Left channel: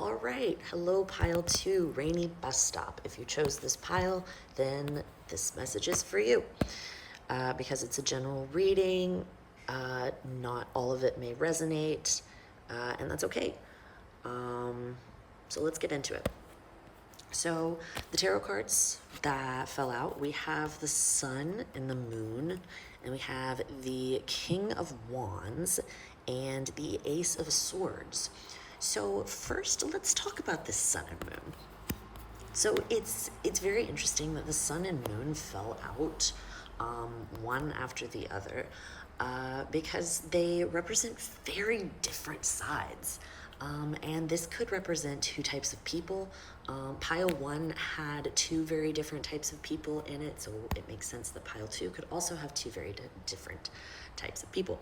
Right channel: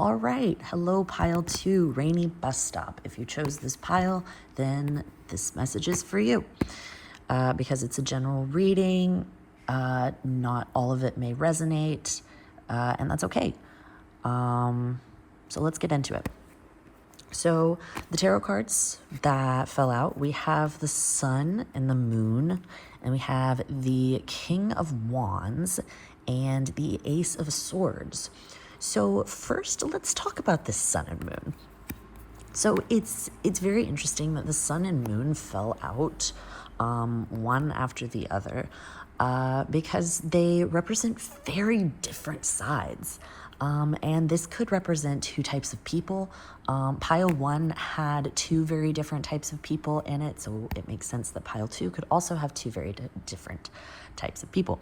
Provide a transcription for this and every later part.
All right, hello pile 2, rainy bus stop. If you chose this pile, then this message is for you. Because it's a general reading, not all of it may resonate, and that's okay. So let's get into it. So the tarot cards that fell out, we have the Sun and the Moon, and we have the King of Wands and the Ace of Swords. So first, let's talk about this Sun and Moon. So it's very interesting that the Sun and Moon fell out one after the other because they represent very different sides. And this could represent two types of people. Pile 1 had two very different types of people in it, so it makes sense that Pile 2 could also have two very different types of people.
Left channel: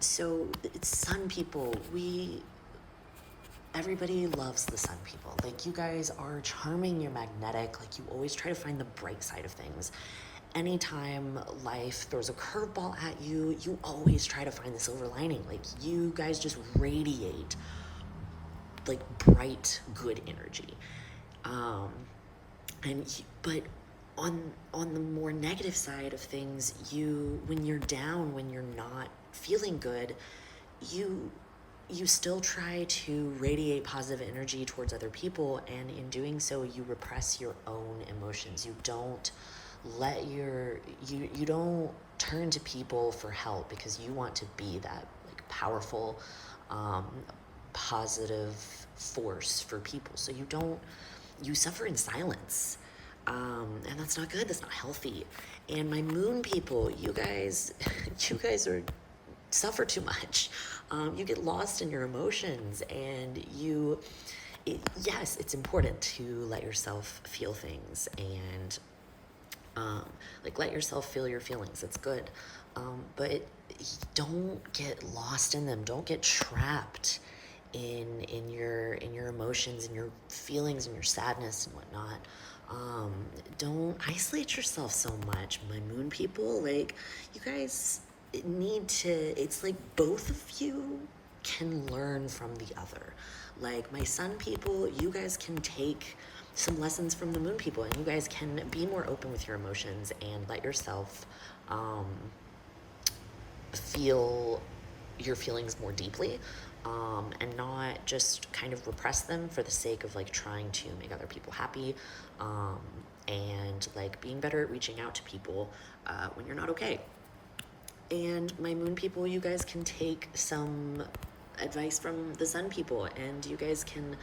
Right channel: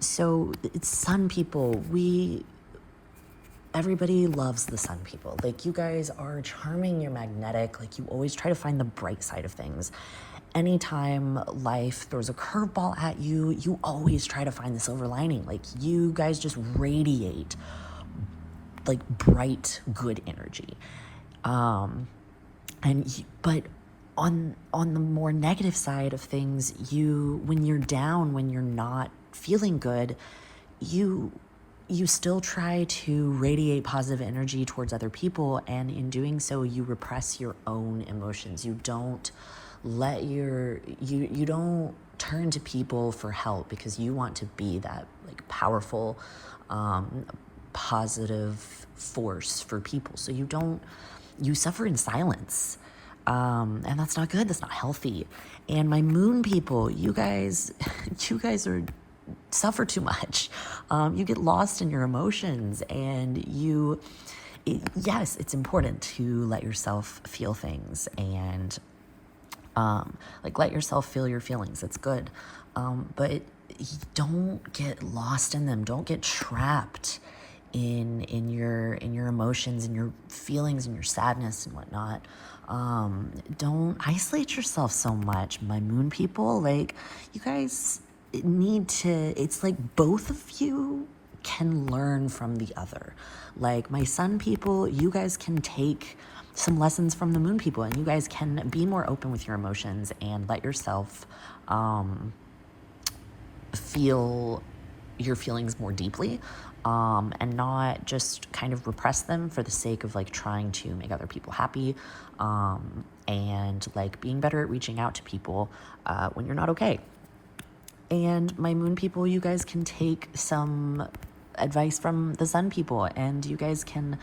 So it's Sun people, everybody loves the Sun people. Like, you guys are charming, you're magnetic, like you always try to find the bright side of things. Anytime life throws a curveball at you, you always try to find the silver lining. Like, you guys just radiate like bright, good energy. But on the more negative side of things, when you're down, when you're not feeling good, you still try to radiate positive energy towards other people, and in doing so, you repress your own emotions. You don't you don't turn to people for help because you want to be that like powerful, positive force for people. So you suffer in silence. And that's not good. That's not healthy. And my Moon people, you guys suffer too much. You get lost in your emotions, and yes, it's important to let yourself feel things and let yourself feel your feelings. It's good. But don't get lost in them. Don't get trapped in your emotions and your feelings and your sadness and whatnot. Don't isolate yourself so much, my Moon people. Like, you guys need to, it's like both of you can learn from the other. Like, my Sun people, you guys can take some lessons from the Moon people, and you guys can be more open with your emotions and let yourself feel your feelings more deeply, and not just kind of repress them for the sake of like trying to make other people happy, and like being better at reaching out to people when you're not okay. And my Moon people, you guys can take some advice from the Sun people, and you guys can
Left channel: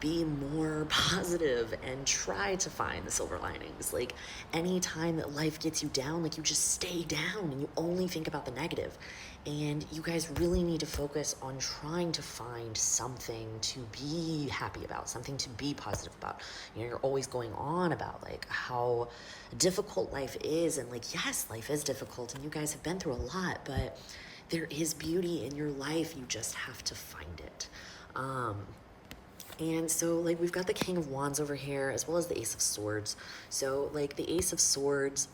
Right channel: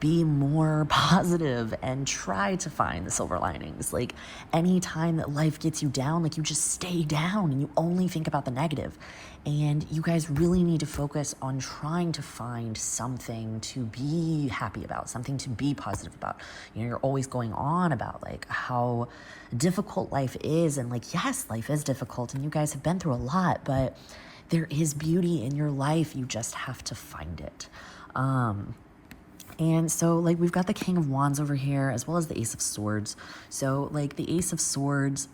be more positive and try to find the silver linings. Like, any time that life gets you down, like, you just stay down and you only think about the negative. And you guys really need to focus on trying to find something to be happy about, something to be positive about. You know, you're always going on about like how difficult life is, and like, yes, life is difficult and you guys have been through a lot, but there is beauty in your life. You just have to find it. And so, like, we've got the King of Wands over here, as well as the Ace of Swords. So, like, the Ace of Swords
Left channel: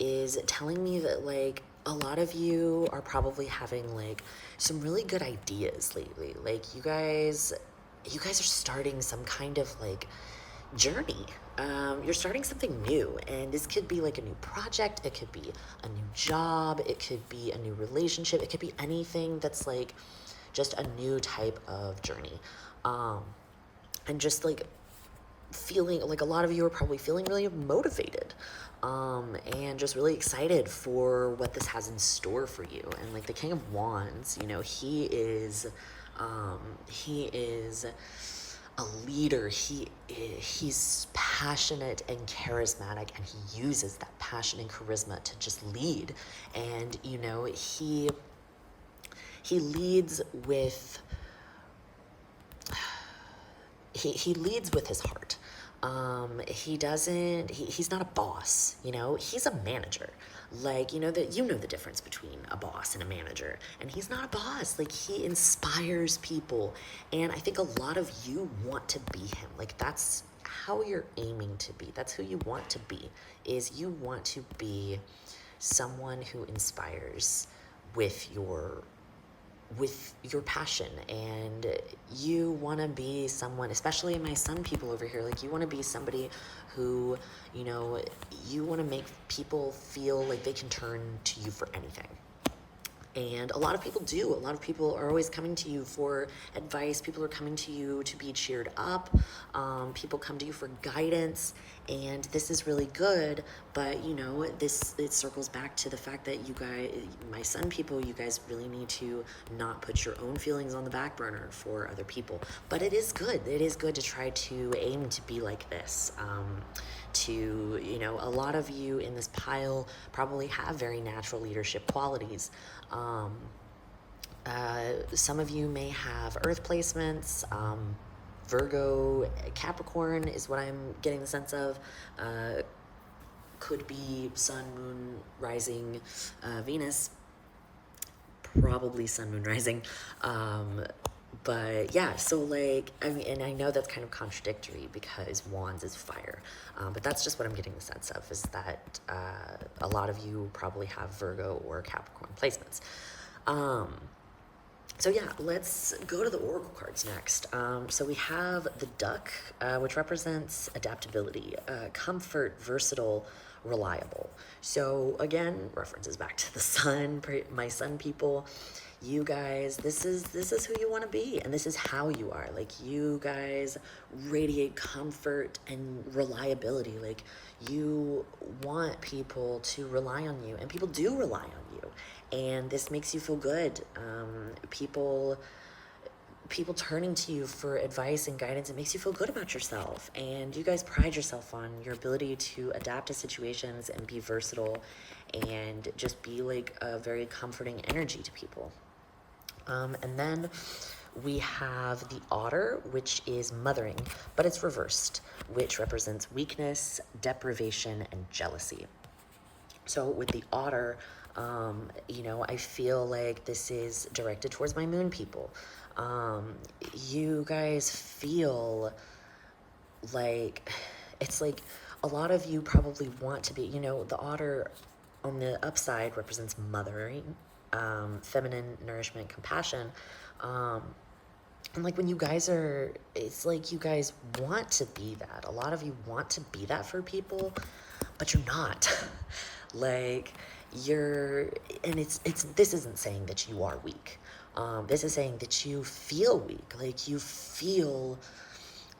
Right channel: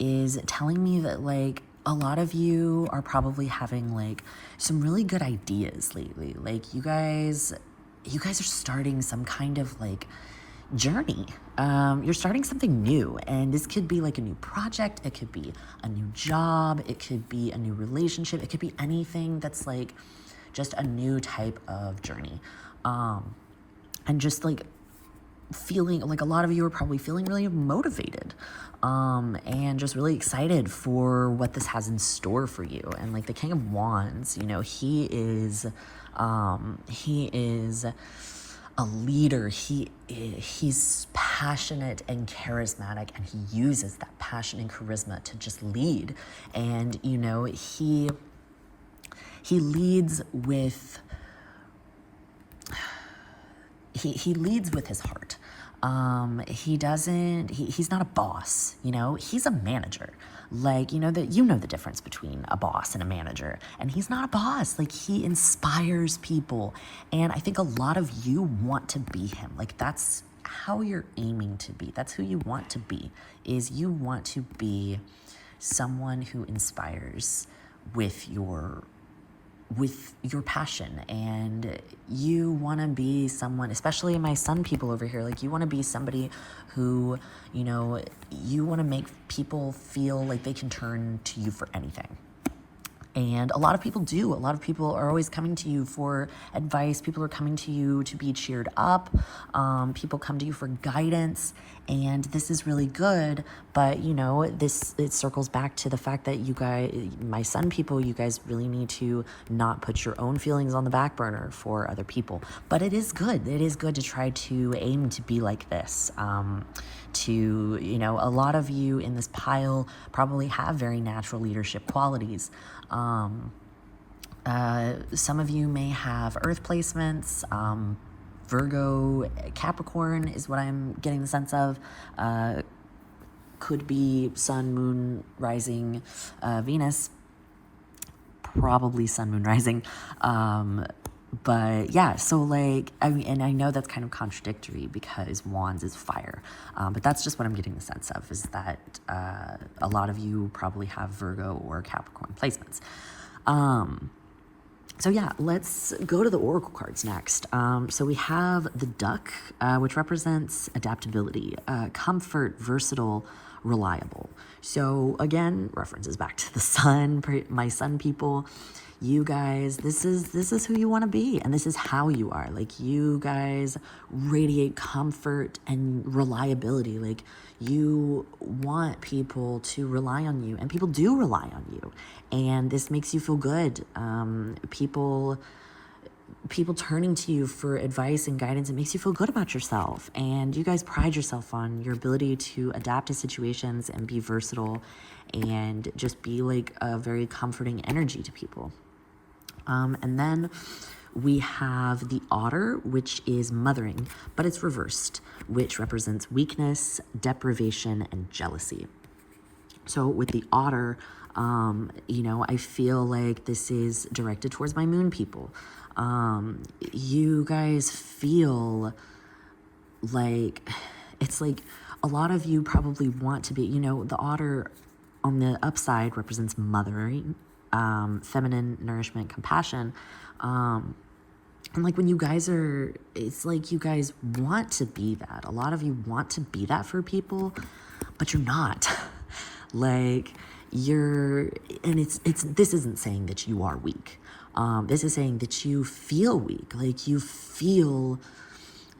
is telling me that, like, a lot of you are probably having, like, some really good ideas lately. Like, you guys are starting some kind of, like, journey. You're starting something new, and this could be like a new project, it could be a new job, it could be a new relationship, it could be anything that's like just a new type of journey. And just like feeling like a lot of you are probably feeling really motivated, and just really excited for what this has in store for you. And like the King of Wands, you know, he is a leader. He's passionate and charismatic, and he uses that passion and charisma to just lead. And you know, he leads with he leads with his heart. He's not a boss, you know, he's a manager. Like, you know the difference between a boss and a manager, and he's not a boss. Like, he inspires people, and I think a lot of you want to be him. Like, that's how you're aiming to be. That's who you want to be, is you want to be someone who inspires with your with your passion, and you want to be someone, especially my sun people over here, like you want to be somebody who, you know, you want to make people feel like they can turn to you for anything. And a lot of people do. A lot of people are always coming to you for advice. People are coming to you to be cheered up. People come to you for guidance. And this is really good. But, you know, it circles back to the fact that you guys, my sun people, you guys really need to not put your own feelings on the back burner for other people. But it is good. It is good to try to aim to be like this. You know, a lot of you in this pile probably have very natural leadership qualities. Some of you may have earth placements. Virgo, Capricorn is what I'm getting the sense of. Could be sun, moon, rising, Venus. Probably sun, moon, rising. But yeah, so like, I mean, and I know that's kind of contradictory because Wands is fire. But that's just what I'm getting the sense of, is that a lot of you probably have Virgo or Capricorn placements. So yeah, let's go to the oracle cards next. So we have the duck, which represents adaptability, comfort, versatile, reliable. So again, references back to the sun, my sun people. You guys, this is who you want to be, and this is how you are. Like, you guys radiate comfort and reliability. Like, you want people to rely on you, and people do rely on you, and this makes you feel good. People turning to you for advice and guidance, it makes you feel good about yourself. And you guys pride yourself on your ability to adapt to situations and be versatile and just be like a very comforting energy to people. And then we have the otter, which is mothering, but it's reversed, which represents weakness, deprivation, and jealousy. So with the otter, you know, I feel like this is directed towards my moon people. You guys feel like, it's like a lot of you probably want to be, you know, the otter on the upside represents mothering, feminine nourishment, compassion. And like when you guys are, it's like you guys want to be that. A lot of you want to be that for people, but you're not. Like, and this isn't saying that you are weak. This is saying that you feel weak. Like, you feel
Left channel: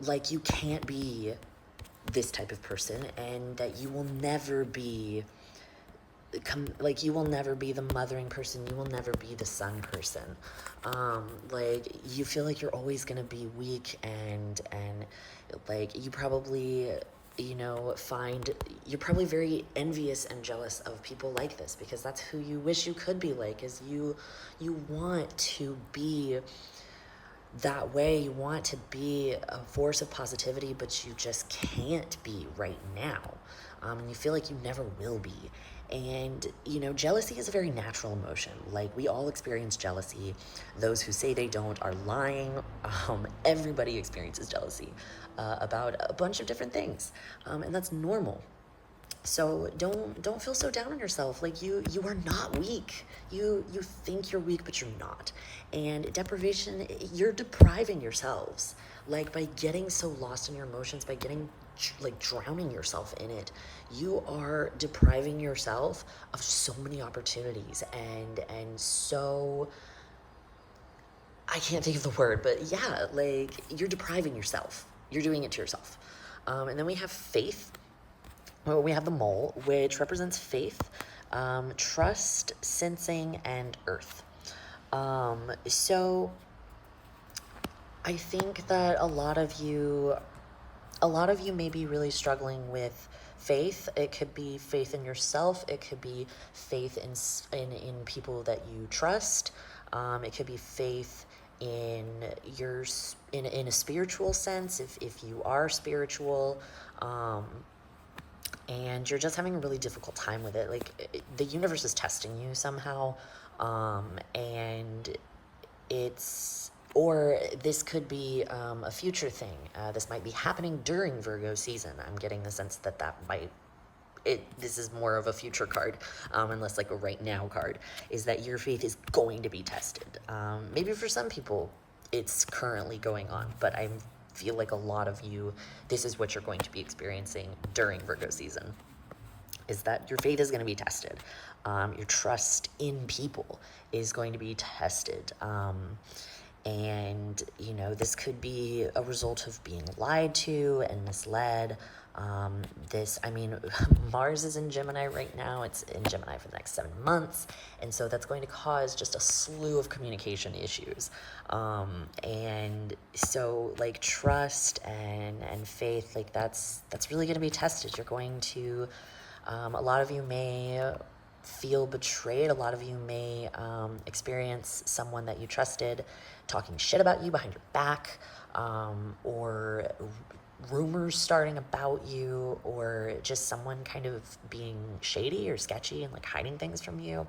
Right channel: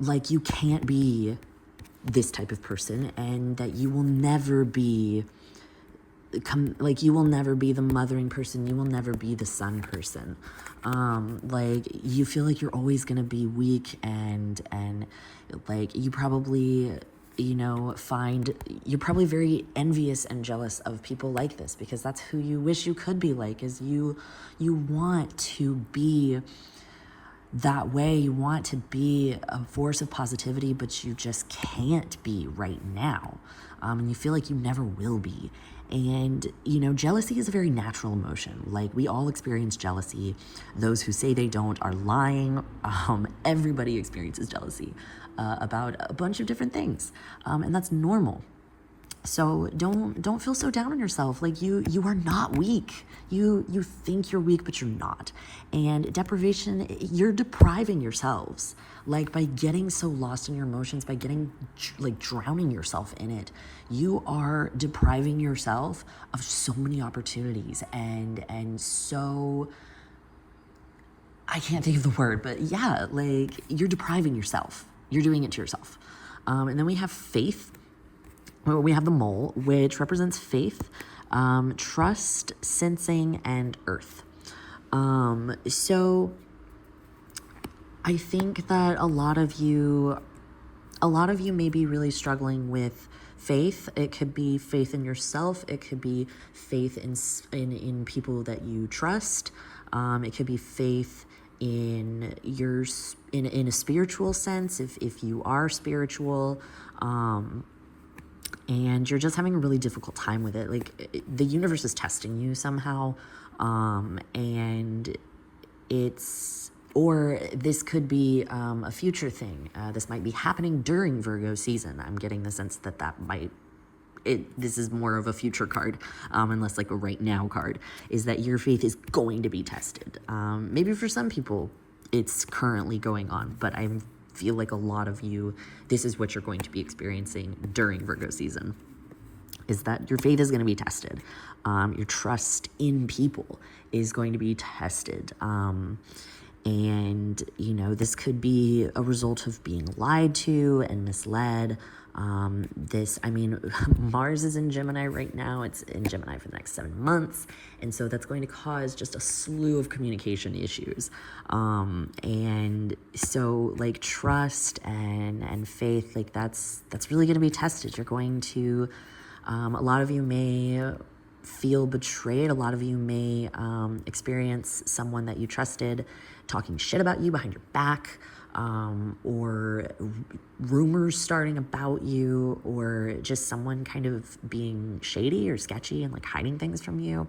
like you can't be this type of person, and that you will never be you will never be the mothering person. You will never be the sun person. Like, you feel like you're always gonna be weak, and like, you probably, you know, you're probably very envious and jealous of people like this, because that's who you wish you could be like, is you want to be that way. You want to be a force of positivity, but you just can't be right now. And you feel like you never will be. And, you know, jealousy is a very natural emotion. Like, we all experience jealousy. Those who say they don't are lying. Everybody experiences jealousy about a bunch of different things. And that's normal. So don't feel so down on yourself. Like, you are not weak. You think you're weak, but you're not. And deprivation, you're depriving yourselves. Like, by getting so lost in your emotions, by getting like drowning yourself in it, you are depriving yourself of so many opportunities, and so, I can't think of the word, but yeah, like, you're depriving yourself. You're doing it to yourself. And then we have faith. We have the mole, which represents faith, trust, sensing, and earth. So I think that a lot of you may be really struggling with faith. It could be faith in yourself. It could be faith in people that you trust. It could be faith in a spiritual sense, if you are spiritual. And you're just having a really difficult time with it. Like, the universe is testing you somehow, and or this could be a future thing. This might be happening during Virgo season. I'm getting the sense that might this is more of a future card, and less like a right now card, is that your faith is going to be tested. Maybe for some people it's currently going on, but I feel like a lot of you, this is what you're going to be experiencing during Virgo season, is that your faith is going to be tested. Your trust in people is going to be tested. And, you know, this could be a result of being lied to and misled. Mars is in Gemini right now. It's in Gemini for the next 7 months. And so that's going to cause just a slew of communication issues. And so, like, trust and faith, like, that's really going to be tested. You're going to, a lot of you may feel betrayed. A lot of you may experience someone that you trusted talking shit about you behind your back, or rumors starting about you, or just someone kind of being shady or sketchy and like hiding things from you.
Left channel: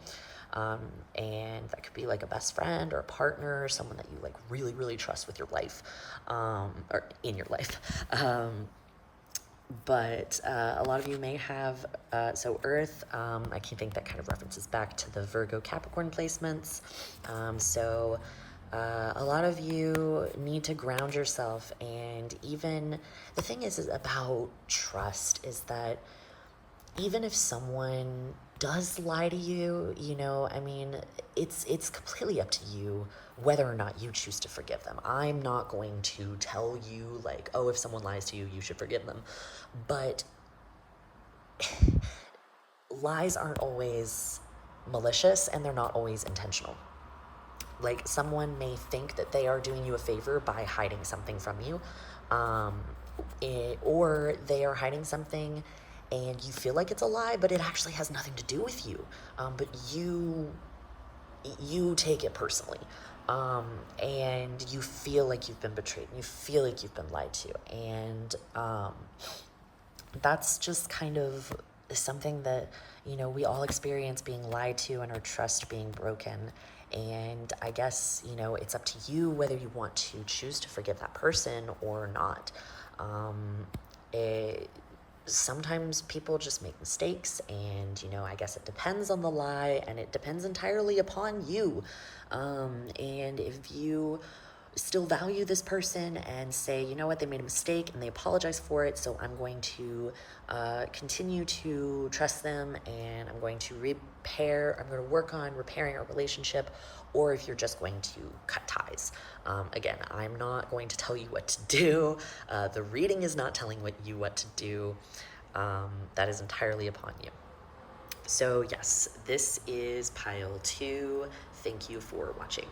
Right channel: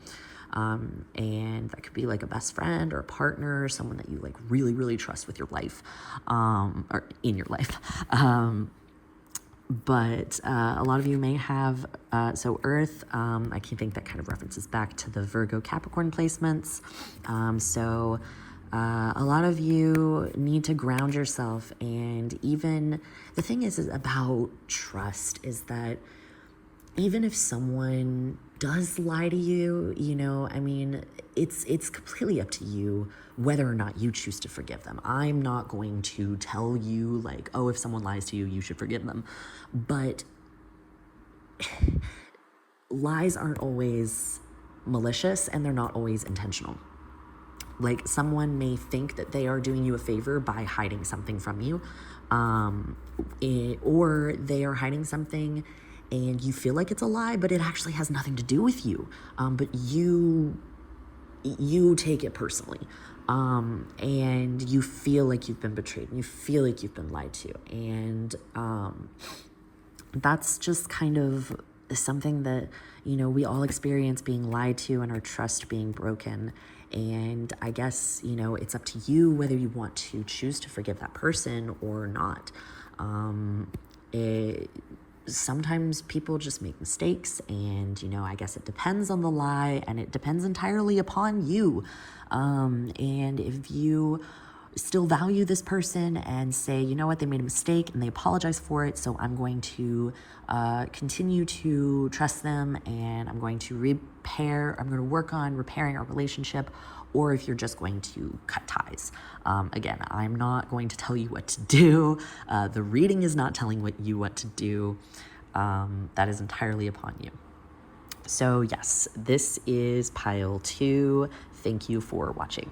And that could be like a best friend or a partner, or someone that you like really, really trust with your life, or in your life. But a lot of you may have, so Earth, I can think that kind of references back to the Virgo Capricorn placements. A lot of you need to ground yourself, and even, the thing is about trust is that even if someone does lie to you, you know, I mean, it's completely up to you whether or not you choose to forgive them. I'm not going to tell you, like, oh, if someone lies to you, you should forgive them. But lies aren't always malicious, and they're not always intentional. Like, someone may think that they are doing you a favor by hiding something from you, or they are hiding something and you feel like it's a lie, but it actually has nothing to do with you. But you take it personally, and you feel like you've been betrayed, and you feel like you've been lied to, and that's just kind of something that, you know, we all experience, being lied to and our trust being broken. And I guess, you know, it's up to you whether you want to choose to forgive that person or not. Sometimes people just make mistakes, and, you know, I guess it depends on the lie, and it depends entirely upon you. And if you still value this person and say, you know what, they made a mistake and they apologize for it, so I'm going to continue to trust them, and I'm going to work on repairing our relationship, or if you're just going to cut ties. Again, I'm not going to tell you what to do. The reading is not telling you what to do. That is entirely upon you. So yes, this is pile 2. Thank you for watching.